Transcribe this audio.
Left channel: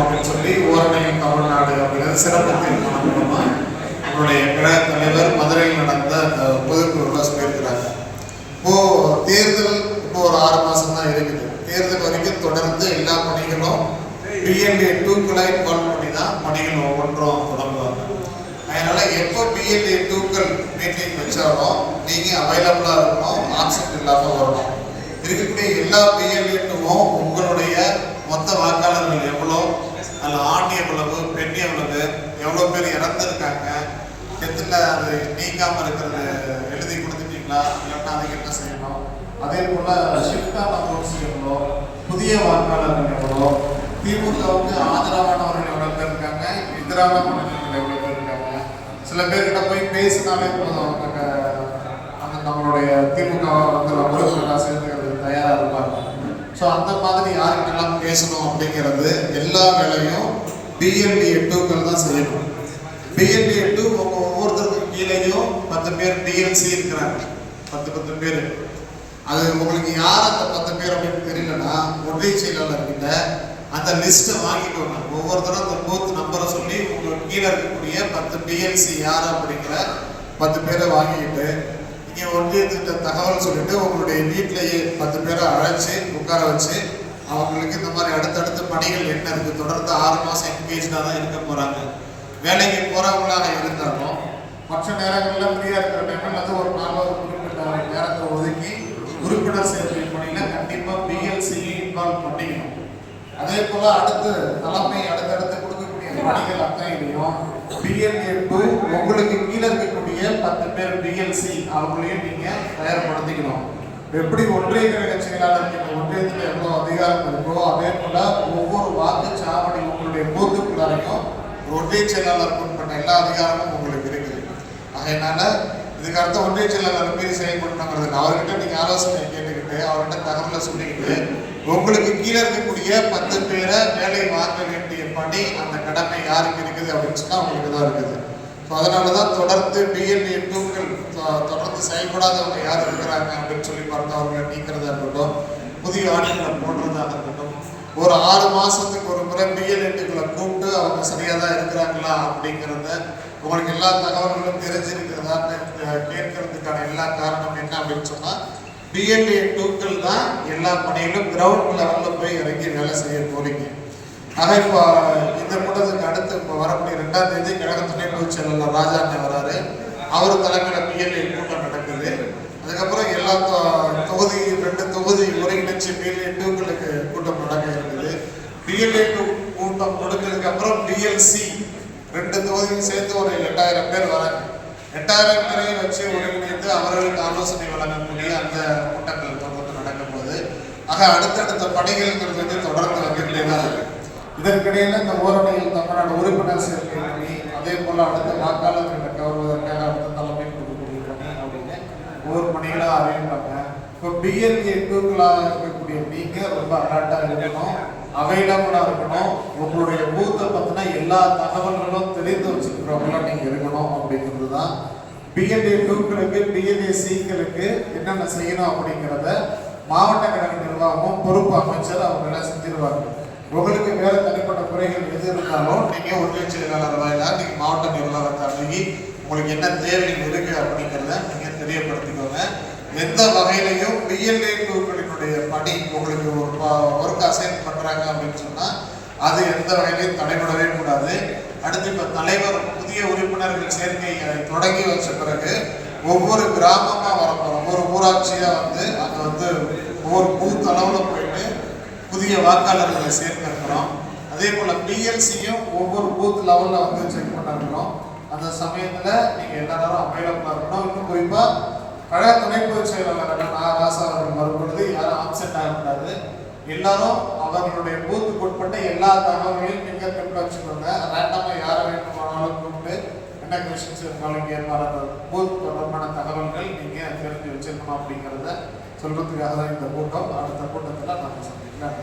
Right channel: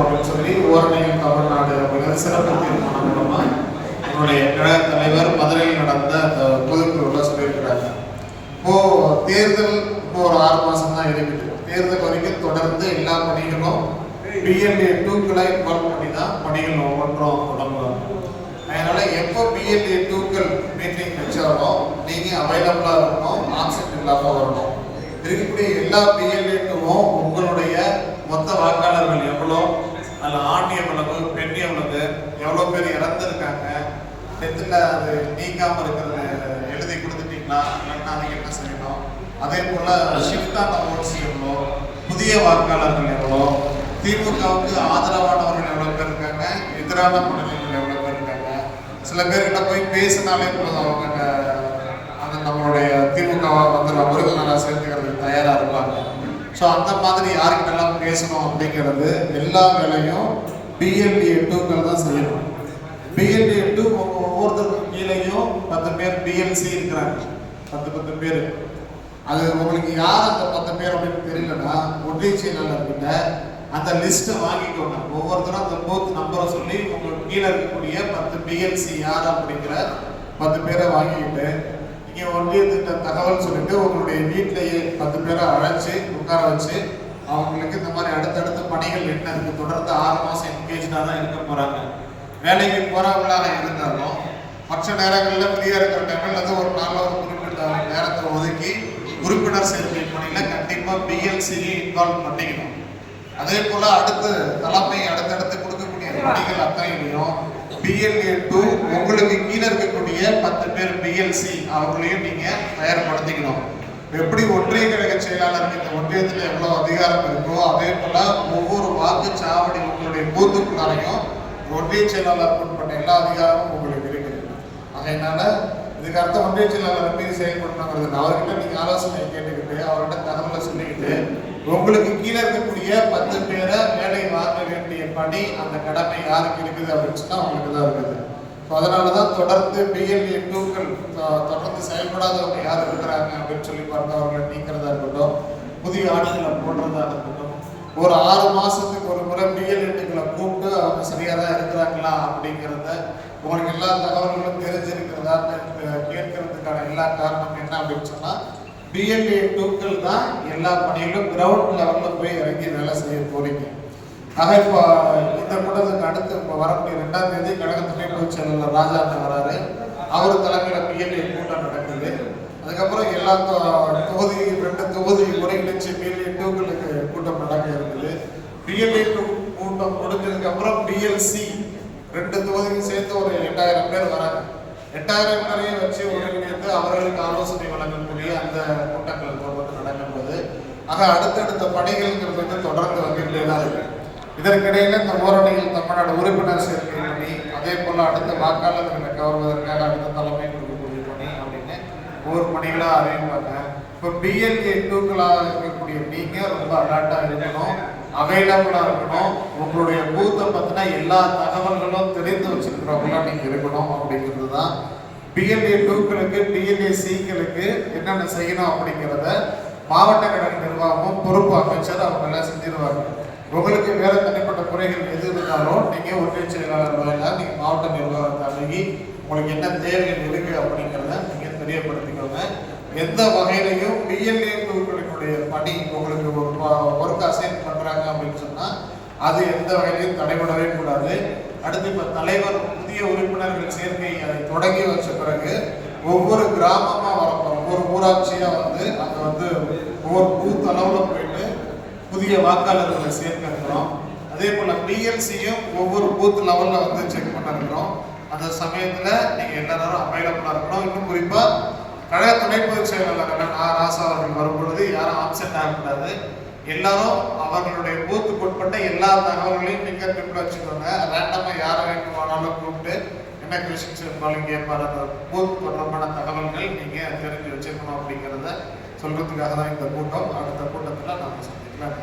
அப்படின்னு சொல்லி ஓரணையும் தமிழ்நாடு அப்படிங்கிறது சிறப்பு தீர்மானம் மூலமா நம்மளுடைய கழக தலைவர் மதுரையில் நடந்த அந்த பொதுக்குழுவில் சொல்லியிருக்கிறாங்க. இப்போ தேர்தல் இப்போ ஒரு 6 மாசம் தான் இருக்குது. தேர்தல் வரைக்கும் தொடர்ந்து எல்லா பணிகளும் பிஎல்ஏ 2க்களை இன்வால்வ் பண்ணி தான் பணிகள் ஒவ்வொன்றும் தொடங்குவாங்க. அதனால எப்போ பிஎல்ஏ 2க்கள் மீட்டிங் வச்சாலும் நீங்க அவைலபிளா இருக்கணும், ஆப்சென்ட் இல்லாம வரணும். இருக்கக்கூடிய எல்லா பிஎல்ஏ 2வும் உங்களுடைய மொத்த வாக்காளர்கள் எவ்வளோ, அதில் ஆண் எவ்வளவு, பெண் எவ்வளவு, எவ்வளோ பேர் இறந்துருக்காங்க, டெத்தில் அது நீக்காமல் இருக்கிறது எழுதி கொடுத்துட்டீங்களா, இல்லைன்னா அதுக்கு என்ன செய்யணும், அதே போல் ஷிஃப்டான ஓட்ஸ் எவ்வளோ, புதிய வாக்காளர்கள் எவ்வளோ, திமுகவுக்கு ஆதரவானவர்கள் எவ்வளோ பேர் இருக்காங்க, எதிரான முன்னணிகள் எவ்வளோ பேர் இருக்காங்க. சில பேர்கிட்ட போய் பேசினாலே போதும் அவங்க நம்மளுடைய திமுக வந்து உறுப்பினராக சேர்த்துக்கிறதுக்கு தயாராக இருப்பாங்க. ஸோ அந்த மாதிரி யாருக்கிட்டலாம் பேசணும் அப்படிங்கிறது எல்லா வேலையும் பிஎல்ஏ 2க்கள் தான் செய்யணும். பிஎல்ஏ 2 ஒவ்வொருத்தருக்கும் கீழேயும் 10 பேர் பிஎல்சி இருக்கிறாங்க, 10 பேர். அது உங்களுக்கு யார் அந்த 10 பேர் அப்படின்னு தெரியலன்னா ஒன்றிய செயலாளர்கிட்ட அந்த லிஸ்ட்டை வாங்கிக்கோங்க. ஒவ்வொருத்தரும் அந்த பூத் நம்பரை சொல்லி உங்களுக்கு கீழே இருக்கக்கூடிய 10 பிஎல்சி யார் அப்படிங்கிற 10 பேரை வாங்கிட்டு நீங்கள் ஒன்றியத்திட்ட தகவல் சொல்லிட்டு உங்களுடைய வீட்டிலேயே 10 பேரை அழைச்சி உட்கார வச்சு அவங்களுக்கு இந்த மாதிரி அடுத்தடுத்த பணிகள் என்ன இருக்குது, தொடர்ந்து 6 மாதம் என்கேஜாக தான் இருக்க போகிறாங்க. வேலைக்கு போகிறவங்களாக இருந்தாலும் மற்ற நேரங்களில் ஃப்ரீயாக இருக்கிற டைமில் அது ஒரு நாளில் ஒரு குறிப்பிட்ட நேரத்தை ஒதுக்கி உறுப்பினர் சேர்க்கை பணியில் கண்டிப்பாக பிஎல்சியை இன்வால்வ் பண்ணிக்கணும். அதே போல் அடுத்து தலைமை அடுத்தடுத்து கொடுக்கக்கூடிய பணிகள் அத்தனையிலையும் பிஎல்ஏ 2 உங்களுக்கு கீழே இருக்கக்கூடிய 10 பேர் பிஎல்சி அவங்களையும் நீங்கள் தயார்படுத்திக்கணும். எப்படி ஒன்றிய கழக செயலாளருக்கு இந்த ஒன்றியத்தில் எவ்வளோ அதிகாரம் இருக்கோ அதே போல் ஒவ்வொரு வாக்குச்சாவடி உங்களுடைய பூத்துக்குள்ளாரையும் ஒன்றிய செயலாளர் உட்பட்ட எல்லா அதிகாரமும் உங்களுக்கு இருக்குது. அதனால இதுக்கு அடுத்த ஒன்றிய செயலாளர் மீறி செயல்படணுங்கிறது அவர்கிட்ட நீங்கள் ஆலோசனை கேட்டுக்கிட்டு அவர்கிட்ட தகவலை சொல்லிக்கிட்டு உங்களுக்கு கீழே இருக்கக்கூடிய 10 பேரை வேலை வாங்க வேண்டிய பணி அந்த கடமை யாருக்கு இருக்குது அப்படின்னு சொன்னால் அவங்களுக்கு தான் இருக்குது. ஸோ அதனால தான் தொடர்ந்து பிஎல்ஏ 2க்கள் தொடர்ந்து செயல்படாதவங்க யார் இருக்கிறாங்க அப்படின்னு சொல்லி பார்த்து அவர்களை நீக்கிறதா இருக்கட்டும், புதிய ஆணைகளை போடுறதாக இருக்கட்டும், ஒரு 6 மாதத்துக்கு ஒரு முறை பிஎல்ஏ 2க்களை கூப்பிட்டு அவங்க சரியாக தான் இருக்கிறாங்களா அப்படிங்கிறத உங்களுக்கு எல்லா தகவல்களும் தெரிஞ்சிருக்கிறதான்னு கேட்கறதுக்கான எல்லா காரணம் என்ன அப்படின்னு சொன்னால் பிஎல்ஏ 2க்கள் தான் எல்லா பணியிலும் கிரவுண்ட் லெவலில் போய் இறங்கி வேலை செய்ய போறீங்க. ஆக இப்போ இந்த கூட்டத்துக்கு அடுத்து இப்போ வரக்கூடிய 2ஆம் தேதி கழக துணை பொதுச் செயலாளர் ராஜா வராரு. அவர் தலைமையில் பிஎல்ஏ கூட்டம் நடக்குது. அதுக்கப்புறம் எல்லா தொகுதி 2 தொகுதி ஒருங்கிணைச்சு பிஎல்ஏ 2க்களுக்கு கூட்டம் நடக்க இருக்குது. பிஎல்ஏ 2 கூட்டம் முடிஞ்சதுக்கு அப்புறம் பிஎல்சி 2 தொகுதியும் சேர்த்து ஒரு 8000 பேர் வராங்க. 8000 பேரையும் வச்சு ஒருங்கிணைத்து அவர்களுக்கு ஆலோசனை வழங்கக்கூடிய அந்த கூட்டங்கள் தொடர்ந்து நடக்கும்போது ஆக அடுத்தடுத்த பணிகள்ங்கிறது வந்து தொடர்ந்து வந்துகிட்டே தான் இருக்கு. இதற்கிடையில இந்த ஓரணியில் தமிழ்நாடு உறுப்பினர் சேர்க்கை பணி, அதே போல அடுத்த வாக்காளர்களை கவர்வதற்காக அடுத்த தலைமை கொடுக்கக்கூடிய பணி அப்படின்னு ஒவ்வொரு பணிகளாக அறிவிப்பாங்க. இப்போ பிஎல்ஏ 2க்களாக இருக்கக்கூடிய நீங்கள் ரொம்ப அலர்ட்டாக இருக்கணும், அவைலபிளாக இருக்கணும். உங்களுடைய பூத்தை பற்றின எல்லா தகவல்களும் தெரிந்து வச்சுருக்கிறவங்களாம் நீங்கள் இருக்கணும் அப்படிங்கிறது தான் பிஎல்ஏ 2க்களுக்கு பிஎல்ஏ சிக்களுக்கு என்னென்ன செய்யணும் அப்படிங்கிறத மாவட்ட கழக நிர்வாகமும் பொறுப்பு அமைச்சர் அவங்க எல்லாம் செஞ்சிருவாங்க. உங்களுக்கு வேற தனிப்பட்ட குறைகள் எது இருந்தாலும் நீங்கள் ஒன்றிய செயலாளர் வாயிலாக நீங்கள் மாவட்ட நிர்வாகத்தை அணுகி உங்களுக்கு என்ன தேவைகள் இருக்கு அப்படிங்கிறத நீங்கள் தெரியப்படுத்திக்கோங்க. எந்த வகையிலையும் பிஎல்ஏ 2க்களினுடைய பணி உங்களுக்கு ஒரு ஒர்க் அசைன் பண்ணுறாங்க அப்படின்னு சொன்னால் அது எந்த வகையிலையும் தடைபடவே கூடாது. அடுத்து இப்போ தலைவர் புதிய உறுப்பினர்கள் சேர்க்கையை தொடங்கி வச்ச பிறகு ஒவ்வொரு கிராமமாக வரப்போகிறோம், ஒவ்வொரு ஊராட்சியாக வந்து அங்கே வந்து ஒவ்வொரு பூத் அளவில் போயிட்டு புதிய வாக்காளர்களை சேர்க்கிறோம். அதே போல் பிஎல்சியும் ஒவ்வொரு பூத் லெவலில் வந்து செக் பண்ணிருக்கிறோம். அந்த சமயத்தில் நீங்கள் எல்லாரும் அவைலபிளாக இருக்கணும். இன்னும் குறிப்பாக கழக துணை பொதுச் செயலாளர் ராசா அவர்கள் வரும்பொழுது யாரும் ஆப்சென்ட் ஆகக்கூடாது. எல்லாரும் அவர்களுடைய பூத்துக்கு உட்பட்ட எல்லா தகவல்களையும் நீங்கள் குறிப்பிட வச்சுக்கோங்க. ரேண்டமாக யாரை வேண்டுமானாலும் கூப்பிட்டு என்ன கொஸ்டின்ஸ் இருந்தாலும் கேட்பார். அந்த பூத் தொடர்பான தகவல்கள் நீங்கள் தெரிஞ்சு வச்சுக்கணும் அப்படிங்கிறத சொல்கிறதுக்காக தான் இந்த கூட்டம். அடுத்த கூட்டத்தில் நம்ம சந்திக்கலாம்.